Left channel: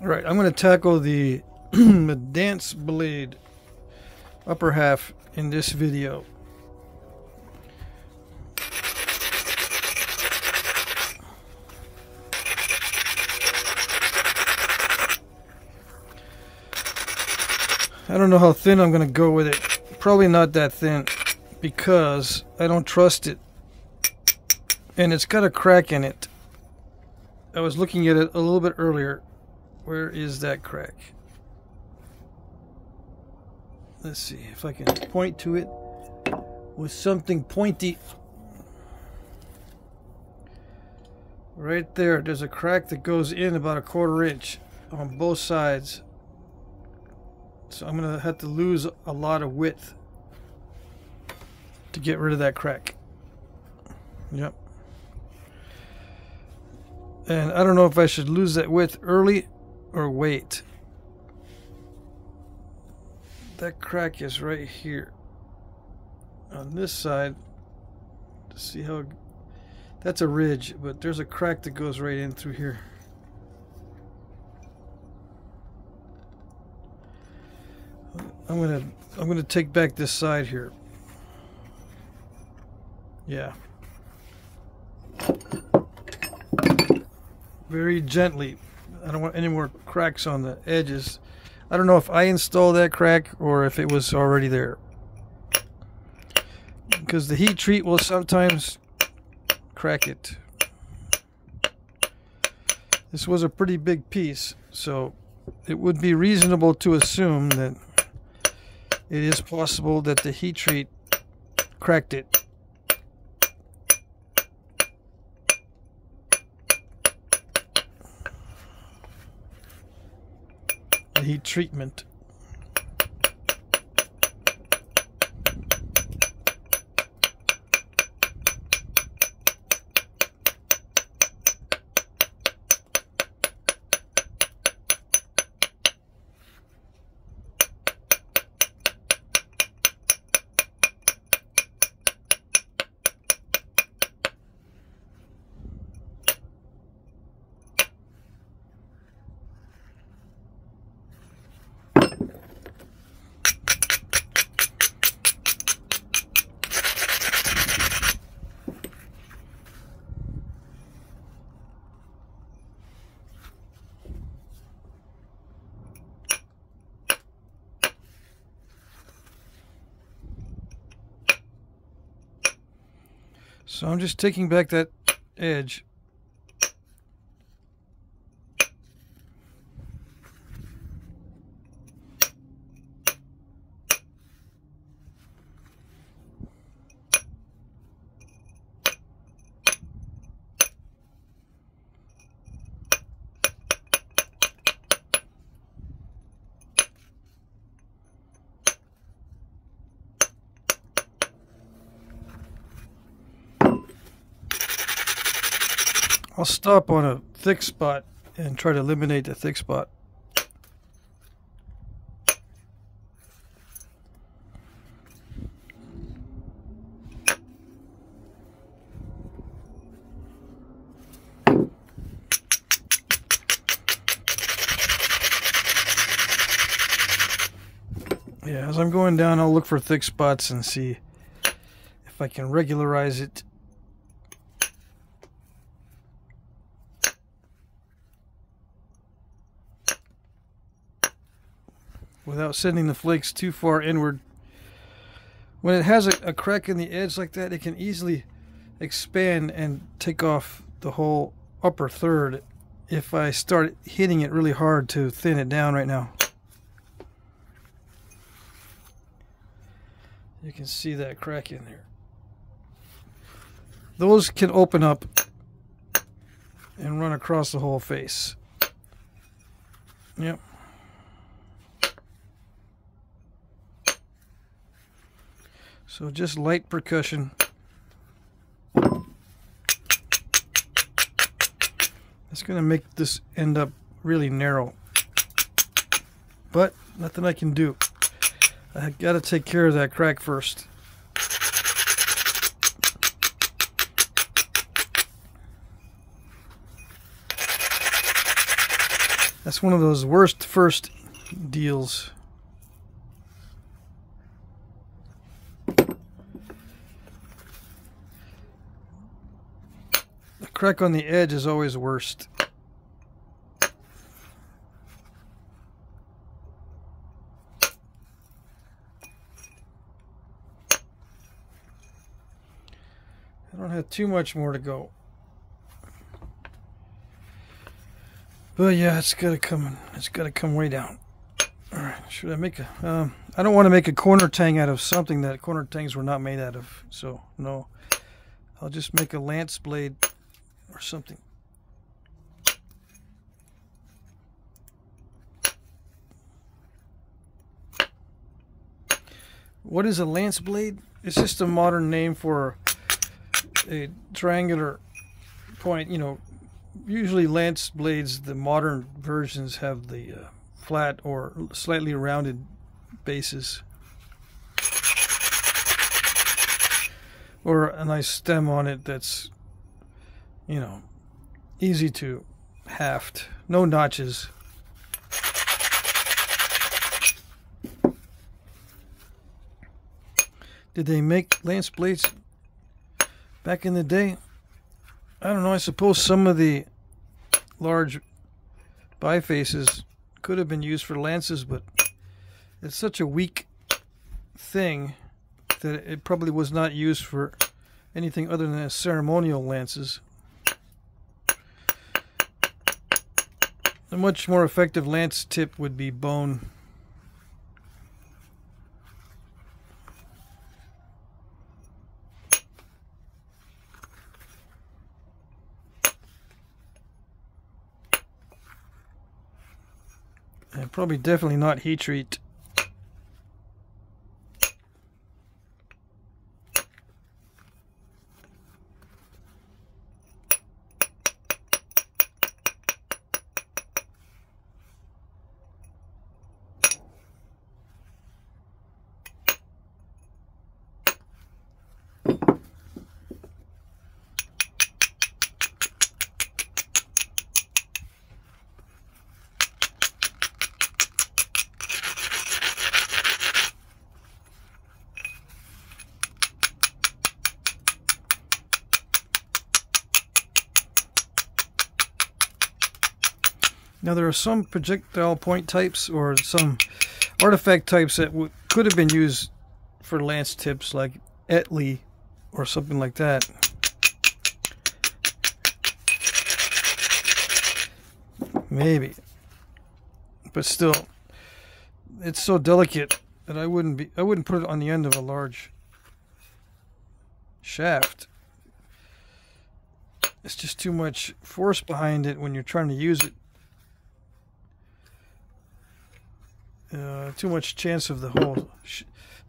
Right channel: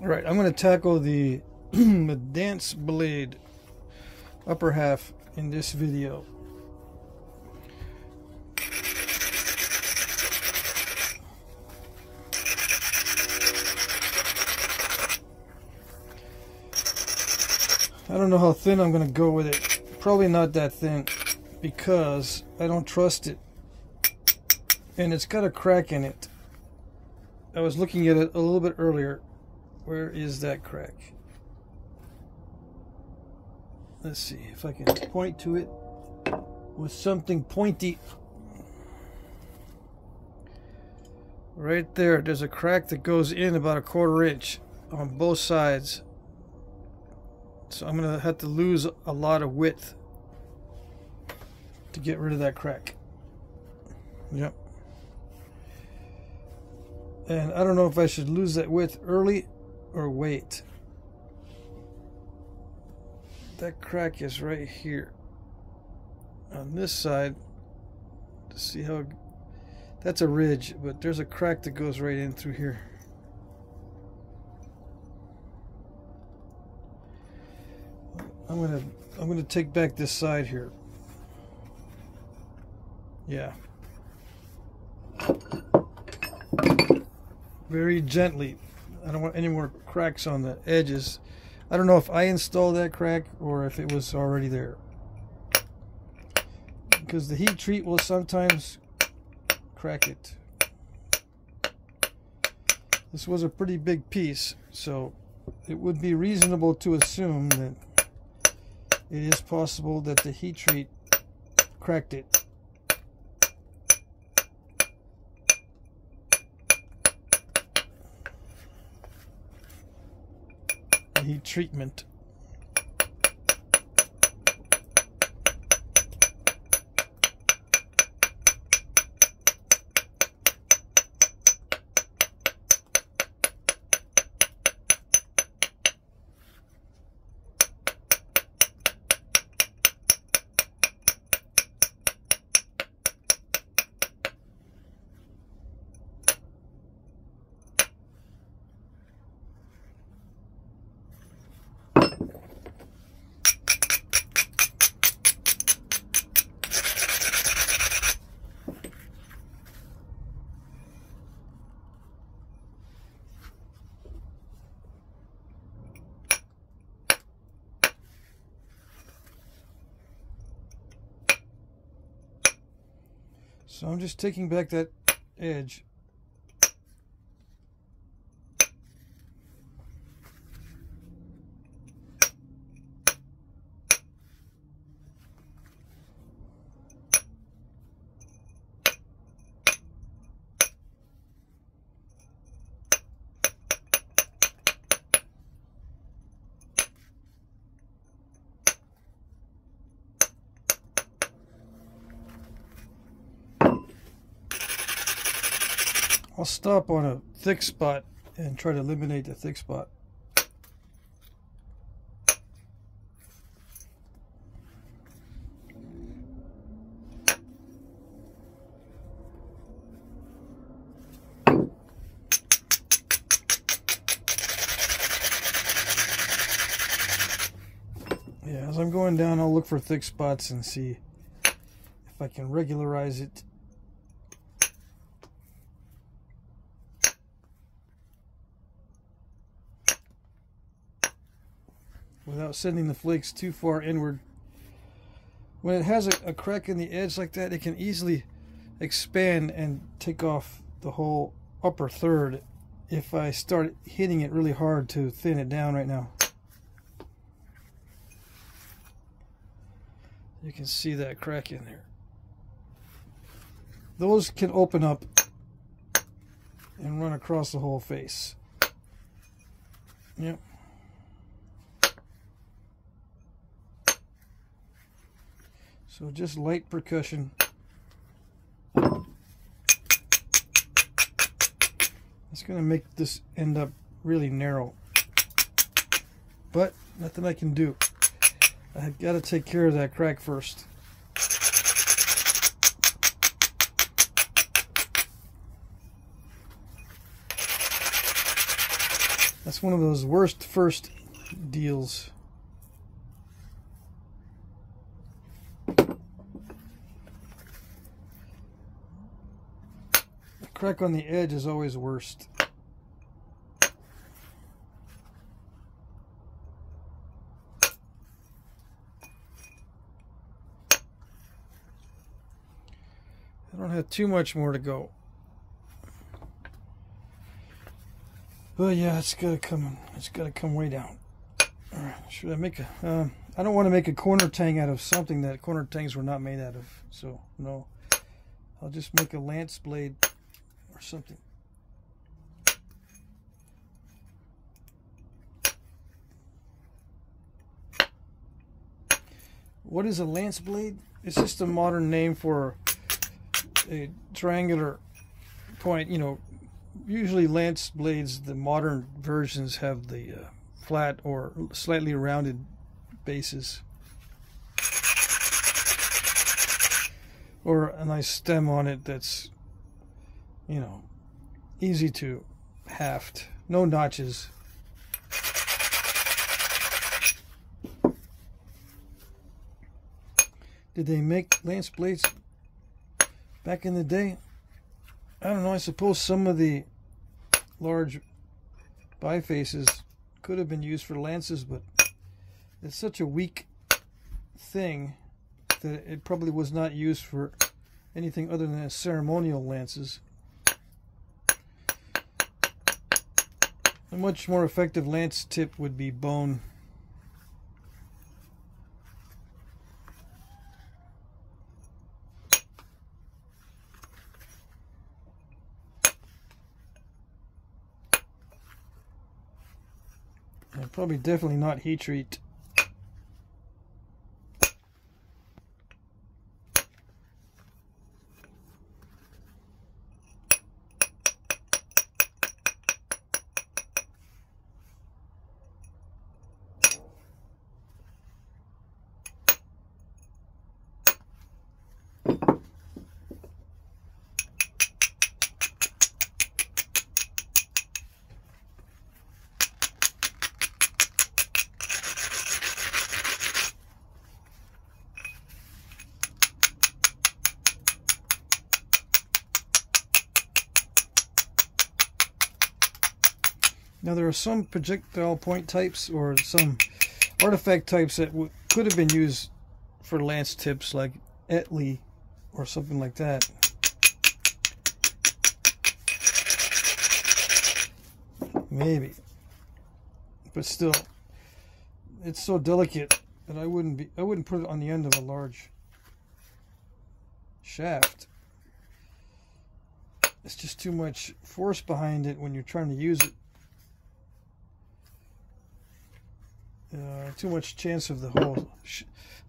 Alright, I'm going to tackle the, the dance blade upper half in this video. I don't know how thin I'm going to go with it. Probably not that thin because I don't trust it. And it's got a crack in it. I was looking at it a little bit earlier. Where is that crack? Let's see if I can point to it with something pointy. Right there, there's a crack that goes in about 1/4 inch on both sides. So I'm gonna have to lose a lot of width to get rid of that crack. Yep. And I don't know if I should lose that width early or wait. That crack is right here on this side. To see how that's a ridge, but there's a crack that goes right in through here. I'm gonna take back this side here. Yeah. Very gently. I don't want any more cracks on the edges. I don't know if I installed that crack or if it was already there. Because the heat treat will sometimes crack it. This was a pretty big piece, so it would be reasonable to assume that it is possible that the heat treat cracked it. The heat treatment. So I'm just taking back that edge. I'll stop on a thick spot and try to eliminate the thick spot. Yeah, as I'm going down, I'll look for thick spots and see if I can regularize it. Without sending the flakes too far inward. When it has a crack in the edge like that, it can easily expand and take off the whole upper third if I start hitting it really hard to thin it down right now. You can see that crack in there. Those can open up and run across the whole face. Yep. So just light percussion. It's going to make this end up really narrow. But nothing I can do. I got to take care of that crack first. That's one of those worst first deals. The crack on the edge is always worst. I don't have too much more to go. But yeah, it's gotta come way down. Alright, should I make a I don't want to make a corner tang out of something that corner tangs were not made out of. So no. I'll just make a lance blade or something. What is a lance blade? It's just a modern name for a triangular point. You know, usually lance blades, the modern versions have the flat or slightly rounded bases, or a nice stem on it that's, you know, easy to haft, no notches. Did they make lance blades back in the day? I don't know. I suppose some of the large bifaces could have been used for lances, but it's such a weak thing that it probably was not used for anything other than ceremonial lances. A much more effective lance tip would be bone. And probably definitely not heat treat. Now there are some projectile point types or some artifact types that could have been used for lance tips, like Etley or something like that. Maybe, but still, it's so delicate that I wouldn't put it on the end of a large shaft. It's just too much force behind it when you're trying to use it. Too much chance of the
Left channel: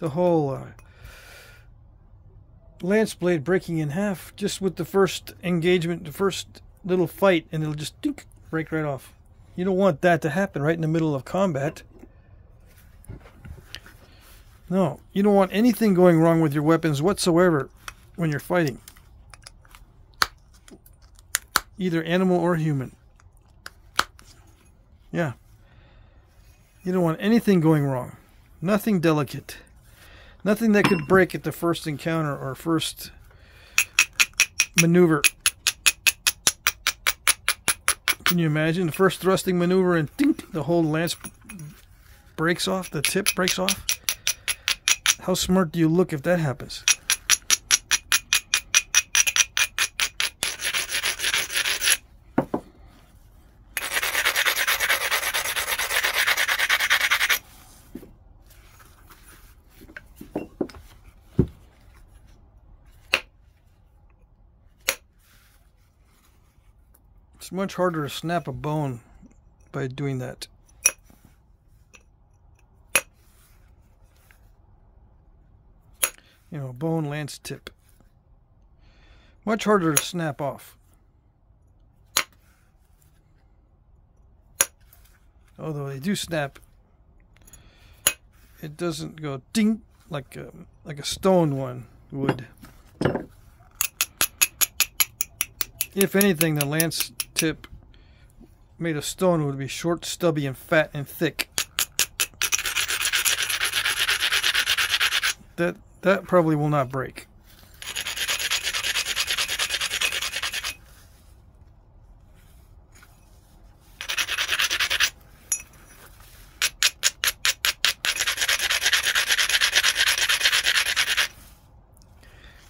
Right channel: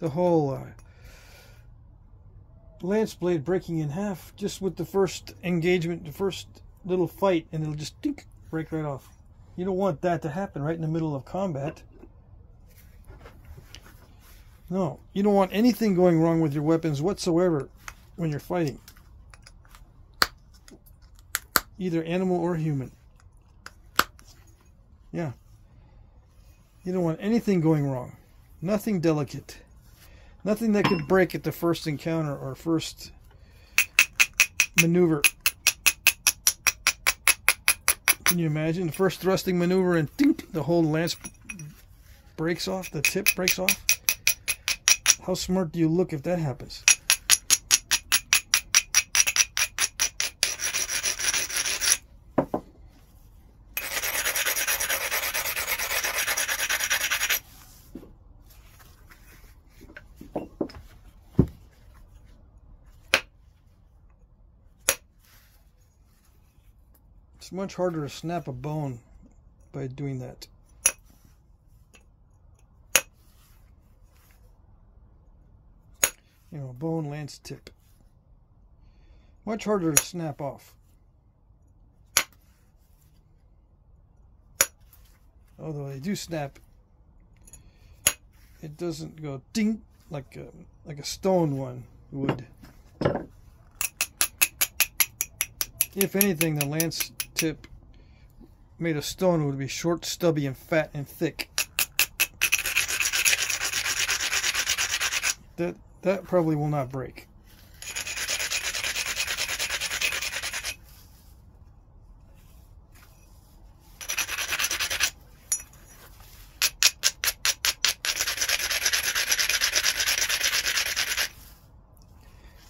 whole lance blade breaking in half just with the first engagement, the first little fight, and it'll just break right off. You don't want that to happen right in the middle of combat. No, you don't want anything going wrong with your weapons whatsoever when you're fighting, either animal or human. Yeah. You don't want anything going wrong. Nothing delicate. Nothing that could break at the first encounter or first maneuver. Can you imagine the first thrusting maneuver and dink, the whole lance breaks off, the tip breaks off? How smart do you look if that happens? It's much harder to snap a bone by doing that. You know, bone lance tip. Much harder to snap off. Although they do snap, it doesn't go ding like a stone one would. If anything, the lance tip made of stone, it would be short, stubby, and fat and thick. That probably will not break.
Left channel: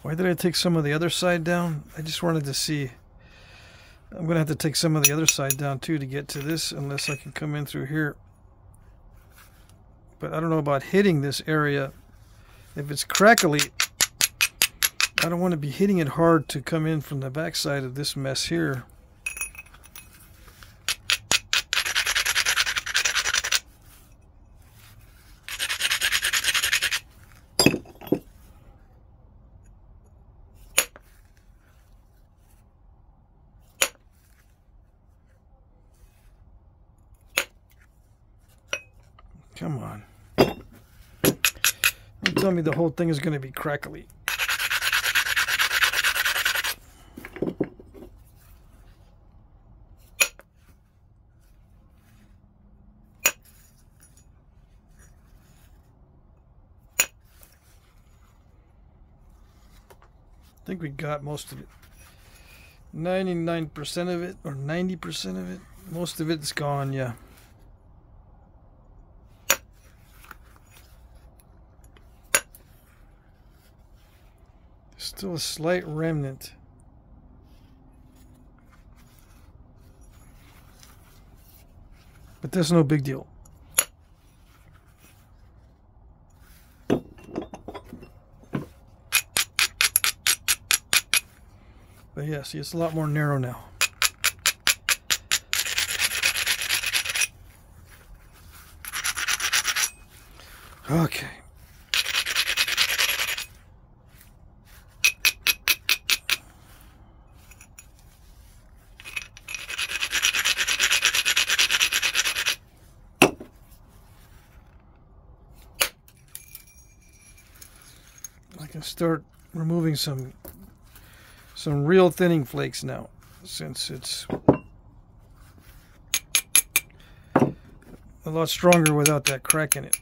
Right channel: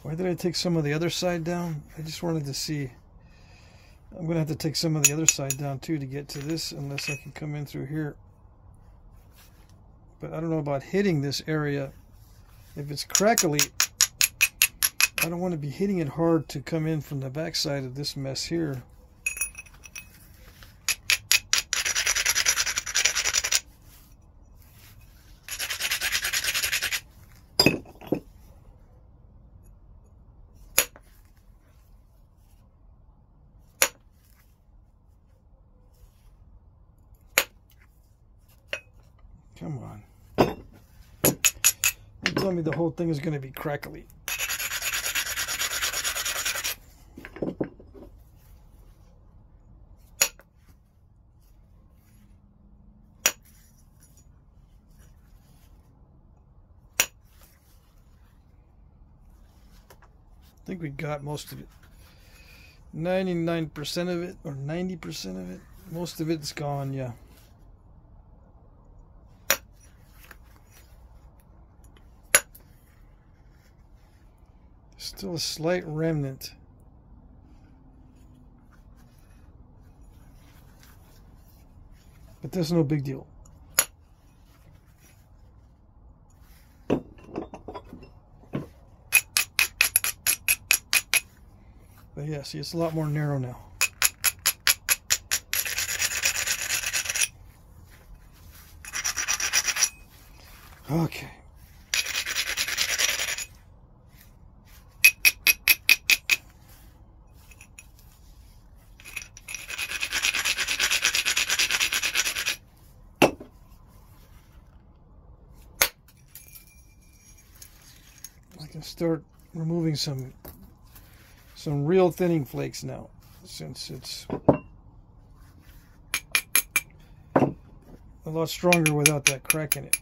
Why did I take some of the other side down? I just wanted to see. I'm going to have to take some of the other side down too to get to this, unless I can come in through here. But I don't know about hitting this area. If it's crackly, I don't want to be hitting it hard to come in from the back side of this mess here. Come on. Don't tell me the whole thing is going to be crackly. I think we got most of it. 99% of it, or 90% of it. Most of it's gone, yeah. Still a slight remnant. But that's no big deal. But yeah, see, it's a lot more narrow now. Okay. I can start removing some real thinning flakes now, since it's a lot stronger without that crack in it.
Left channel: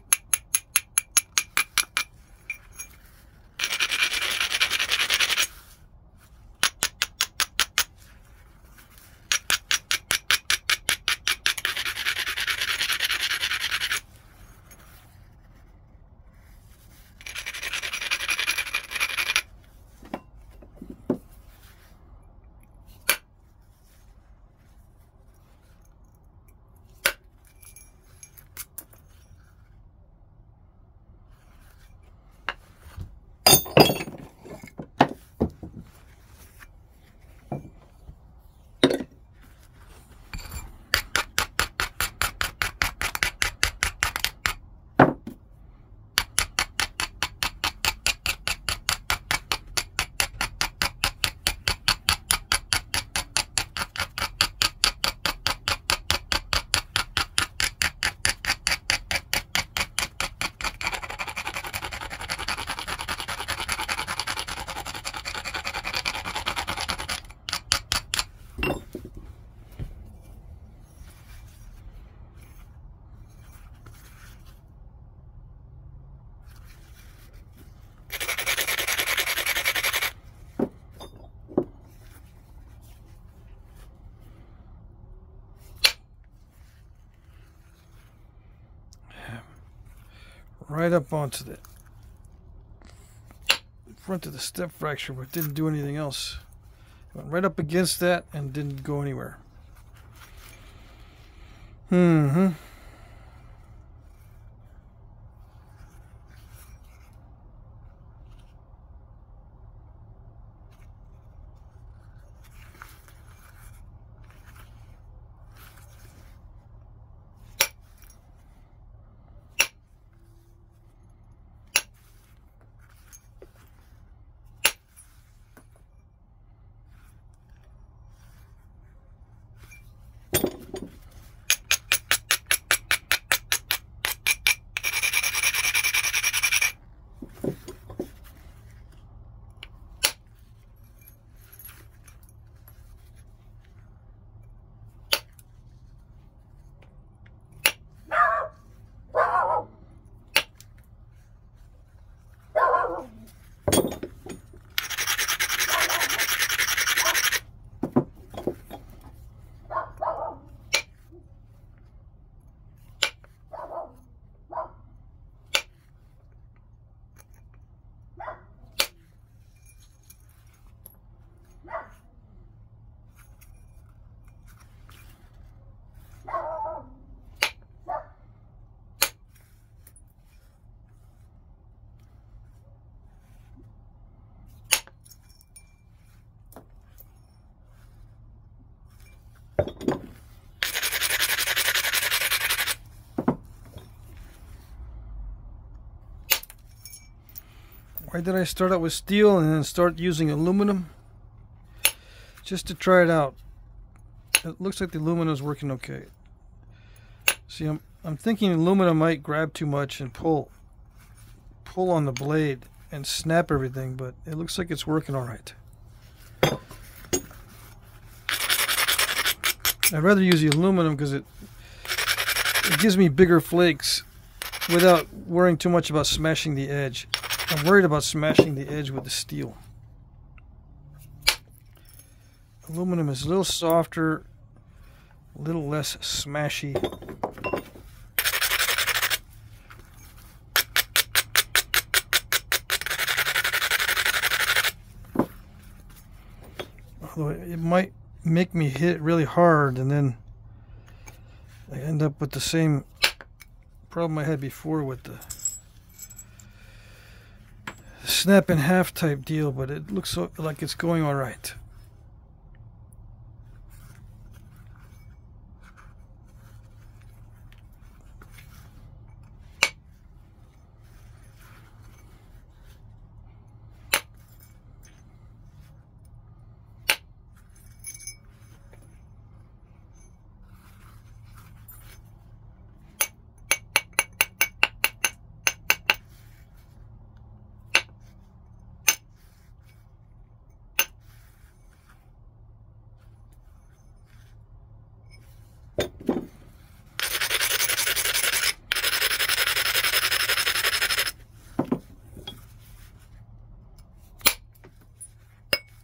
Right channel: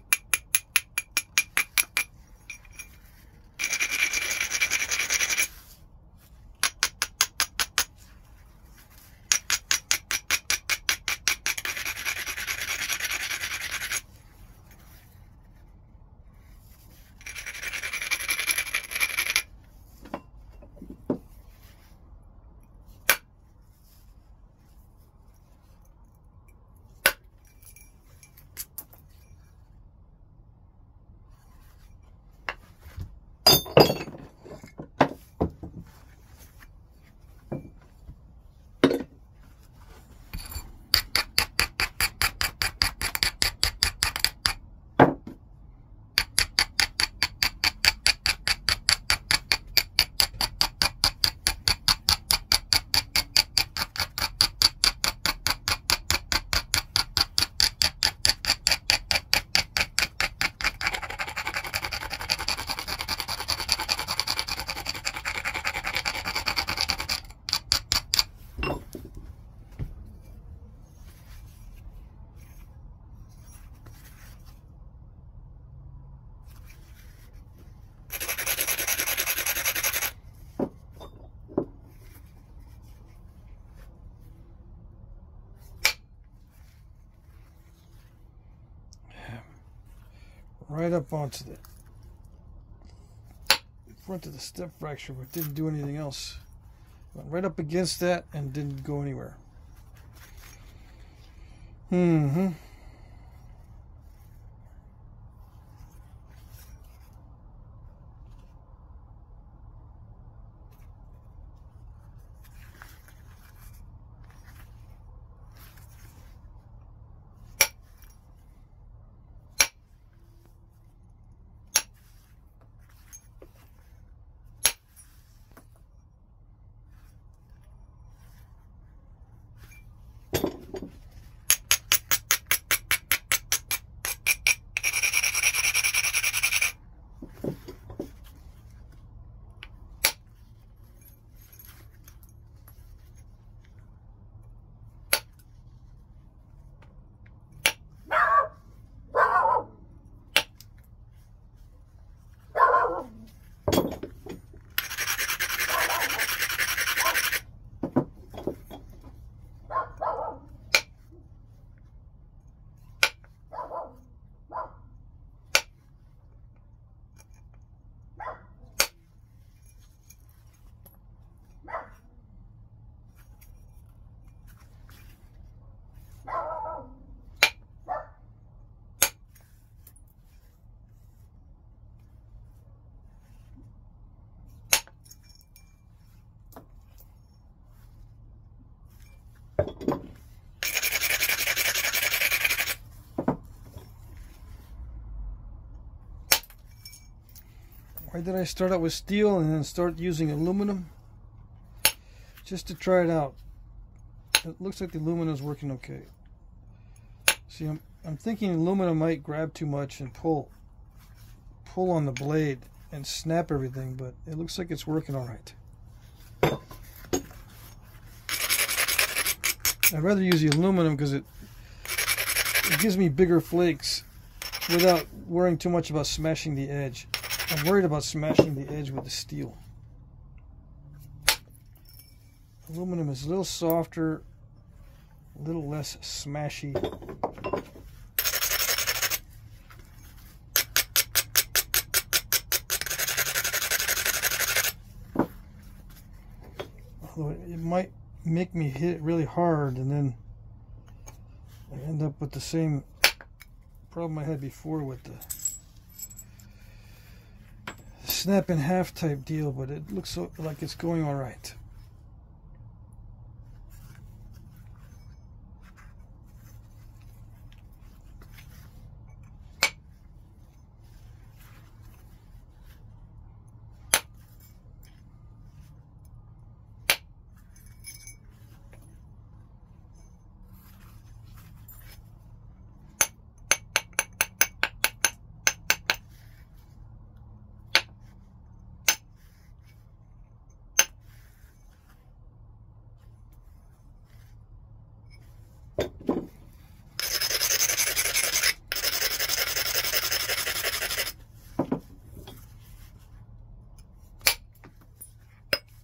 Right up onto the front of the step fracture, but didn't do anything else. Went right up against that and didn't go anywhere. Why did I start out with steel and then start using aluminum? Just to try it out. It looks like the aluminum is working okay. See, I'm thinking aluminum might grab too much and pull on the blade and snap everything, but it looks like it's working all right. I'd rather use the aluminum because it gives me bigger flakes without worrying too much about smashing the edge. I'm worried about smashing the edge with the steel. Aluminum is a little softer, a little less smashy. Although it might make me hit it really hard and then I end up with the same problem I had before with the snap in half type deal, but it looks like it's going all right.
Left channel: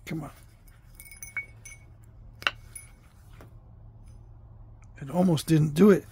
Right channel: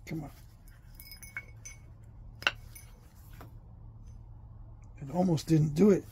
Come on. It almost didn't do it.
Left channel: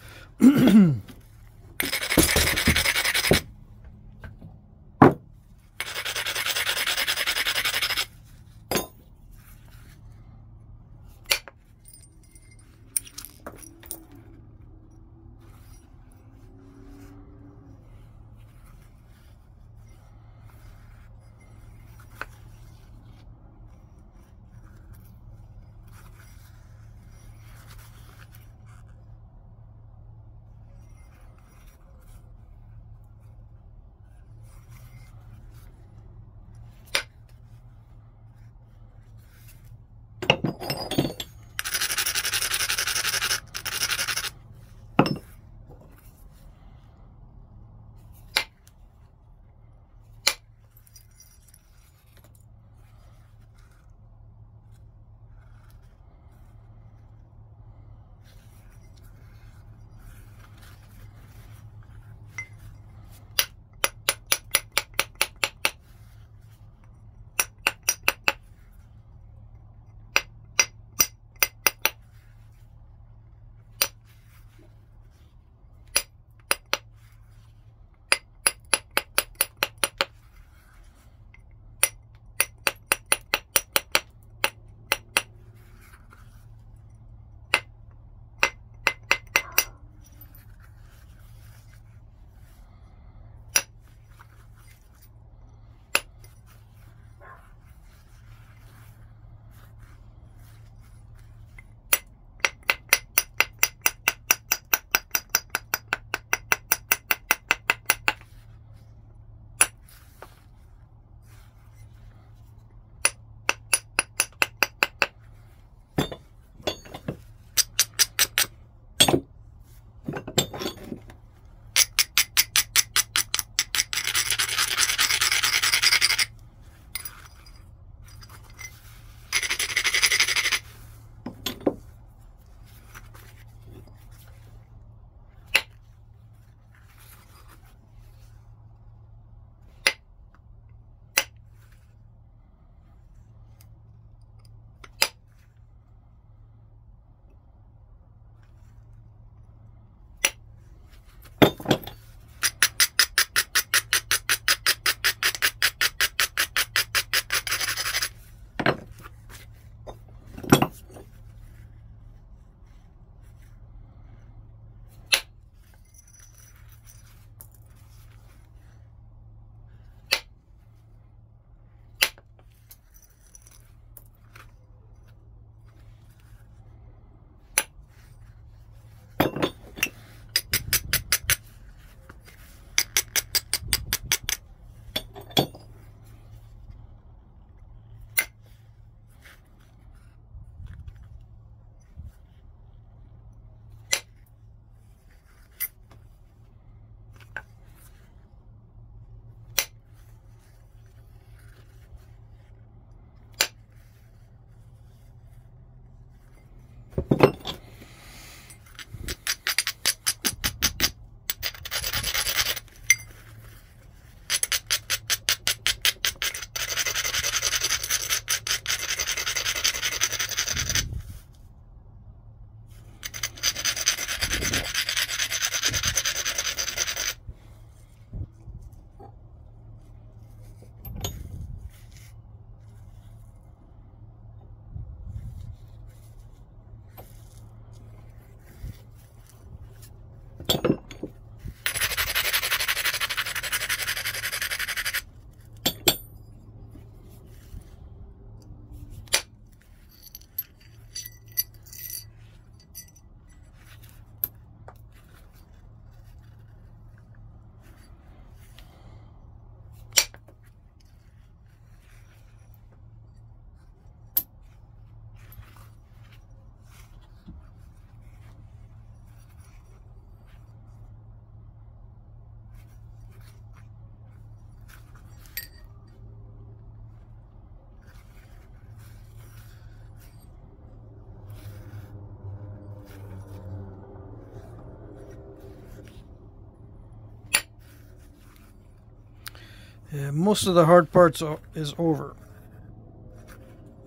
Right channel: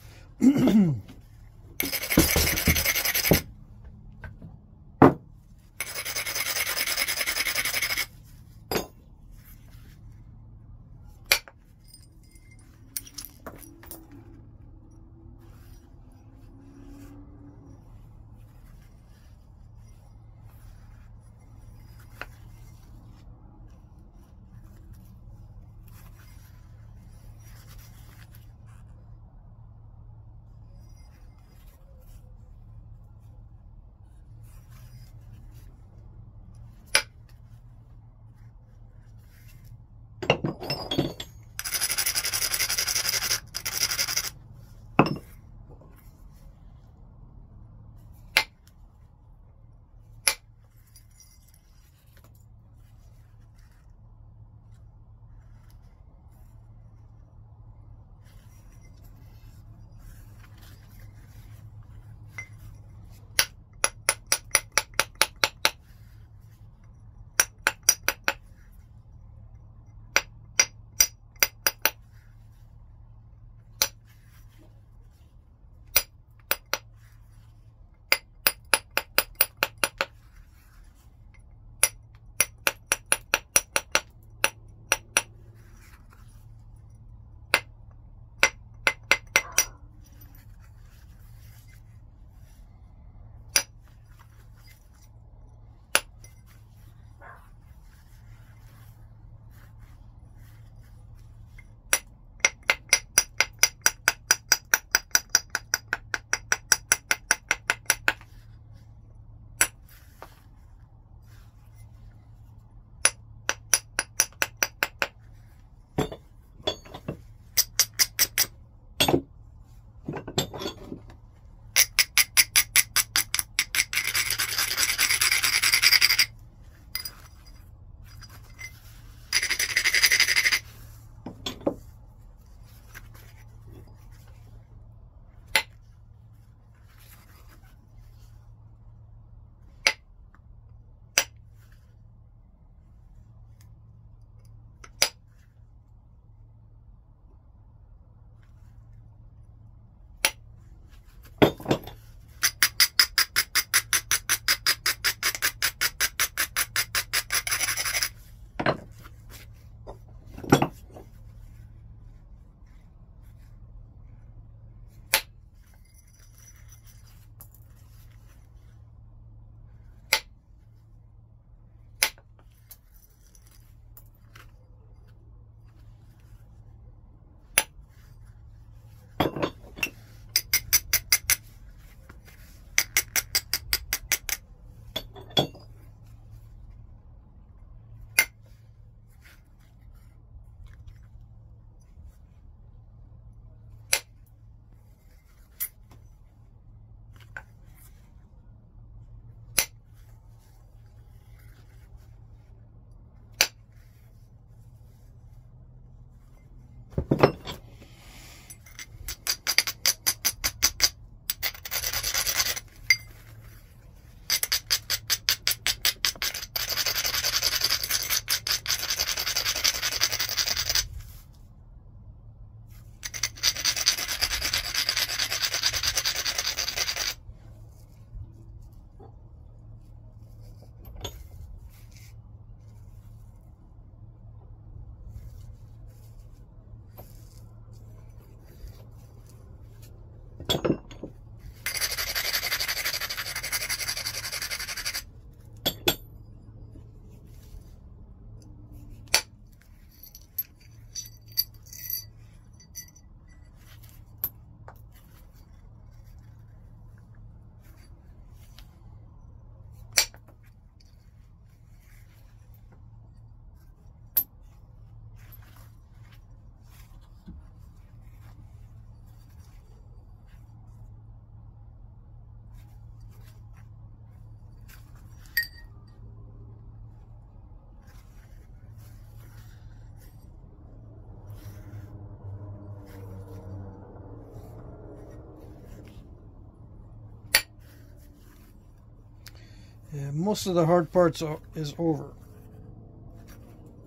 Yeah, most of the hard parts is over.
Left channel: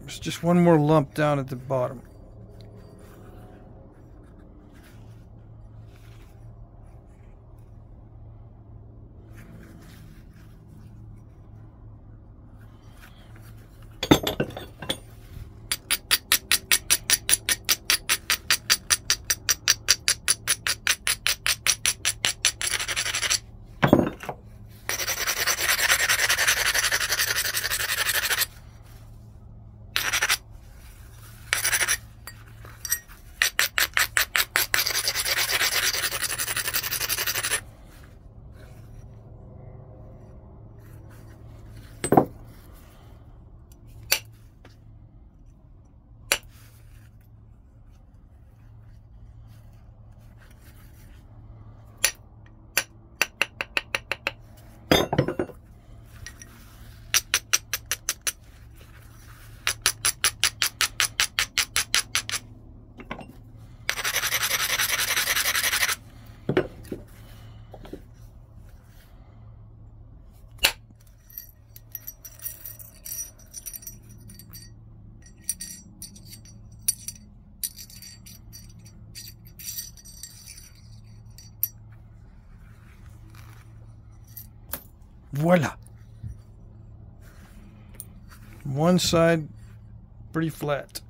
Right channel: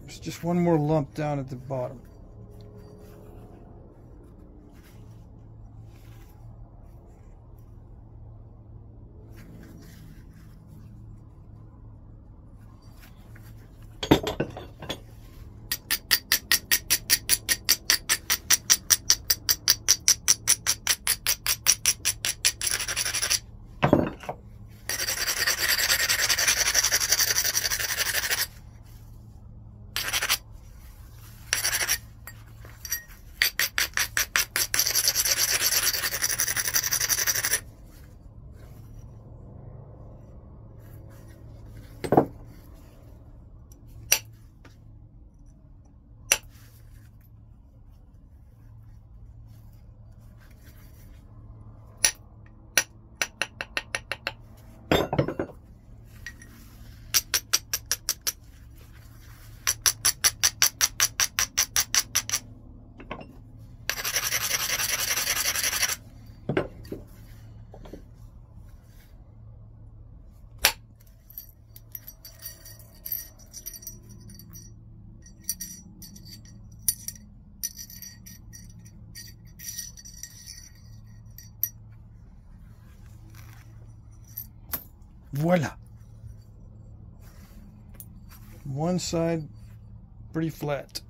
There's just one more lump down at the bottom. Voila. One side pretty flat.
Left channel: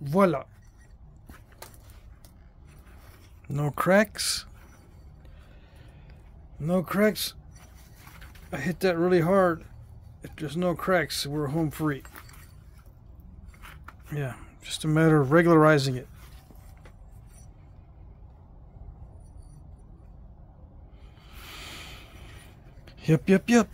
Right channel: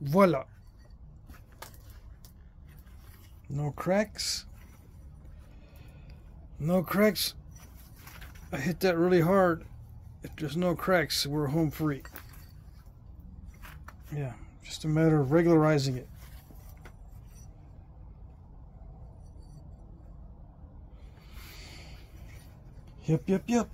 Voila. No cracks. No cracks. I hit that really hard. If there's no cracks, we're home free. Yeah, just a matter of regularizing it. Yep.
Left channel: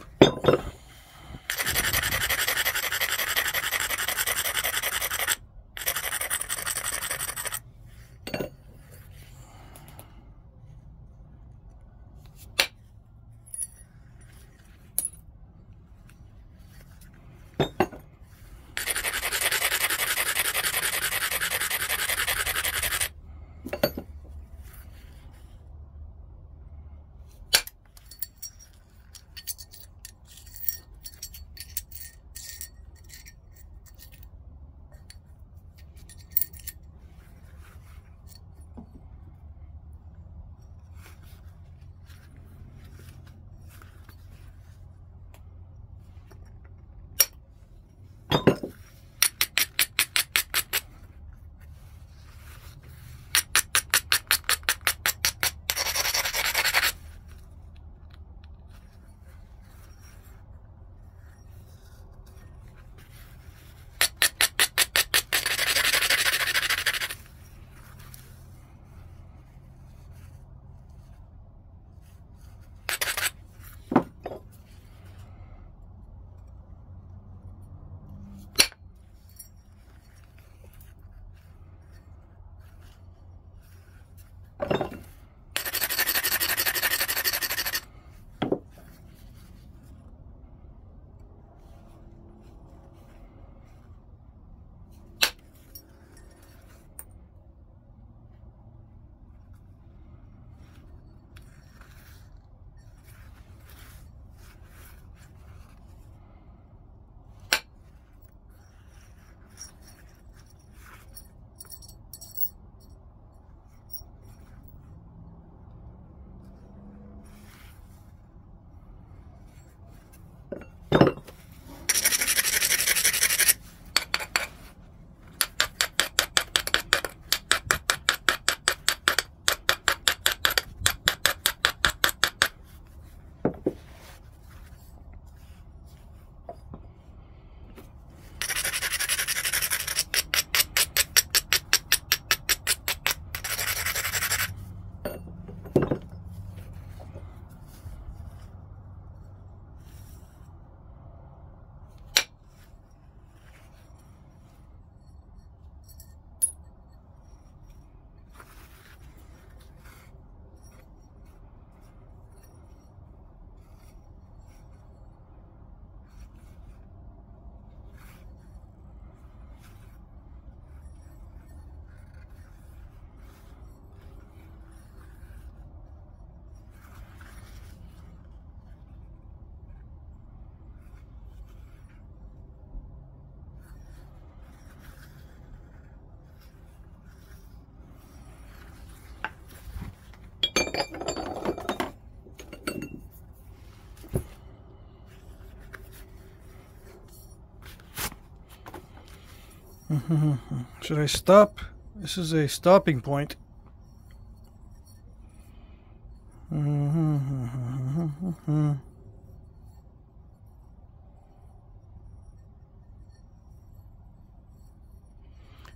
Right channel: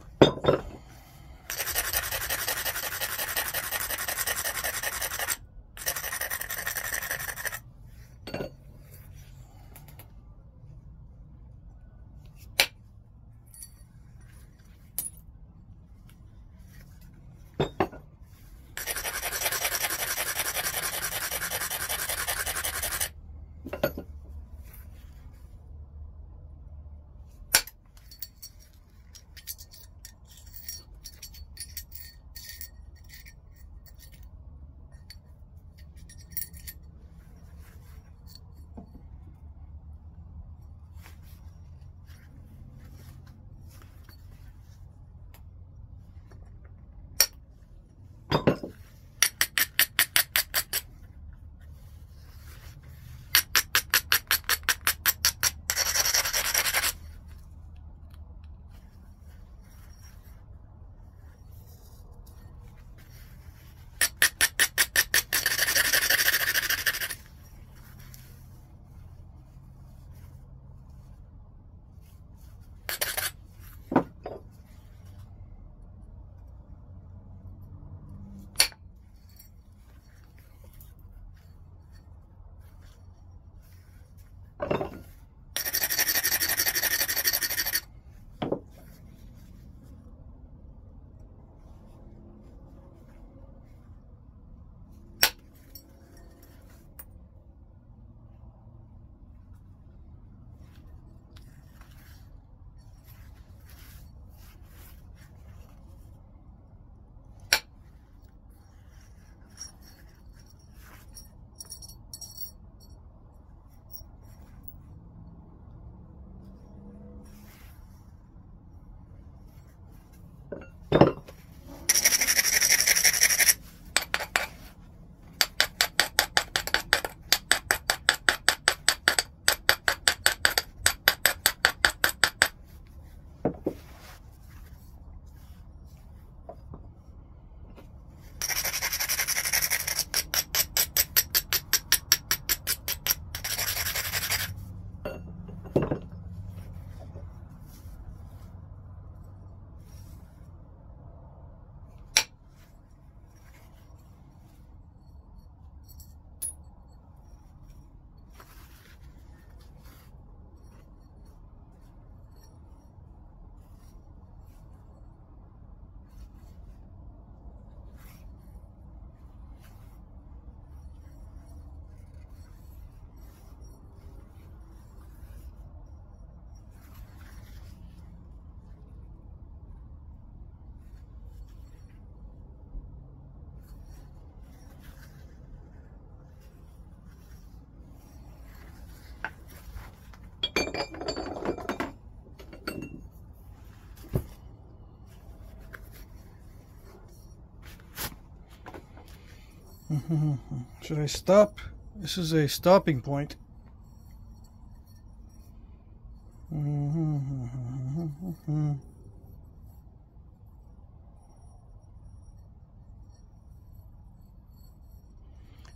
Should I stop? This is a stopping point.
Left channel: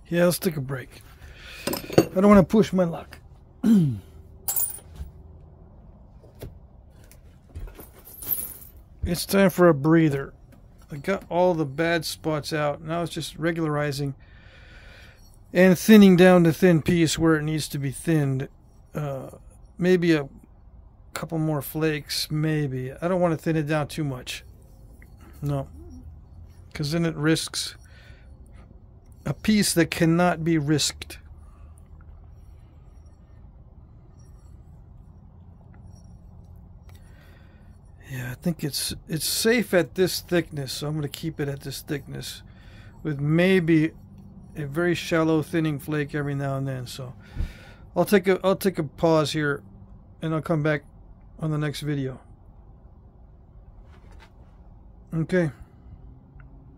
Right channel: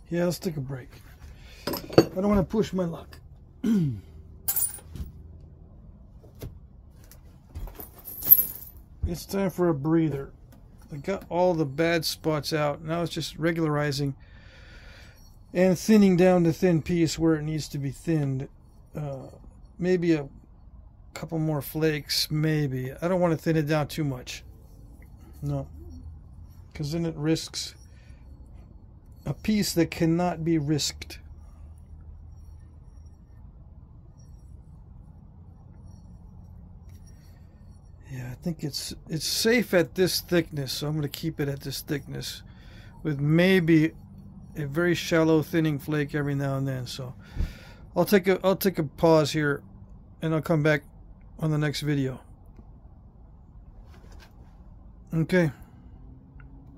Yeah, let's take a break. I don't want to push my luck. It's time for a breather. I got all the bad spots out. Now it's just regularizing and thinning down the thin piece where it needs to be thinned. Maybe a couple more flakes, maybe. I don't want to thin it down too much. No. Because then it risks a piece that cannot be risked. Yeah, I think it's safe at this thickness, so I'm going to keep it at this thickness with maybe a very shallow thinning flake every now and then. So I'll take a pause here and I'll come back on the next video. Okay.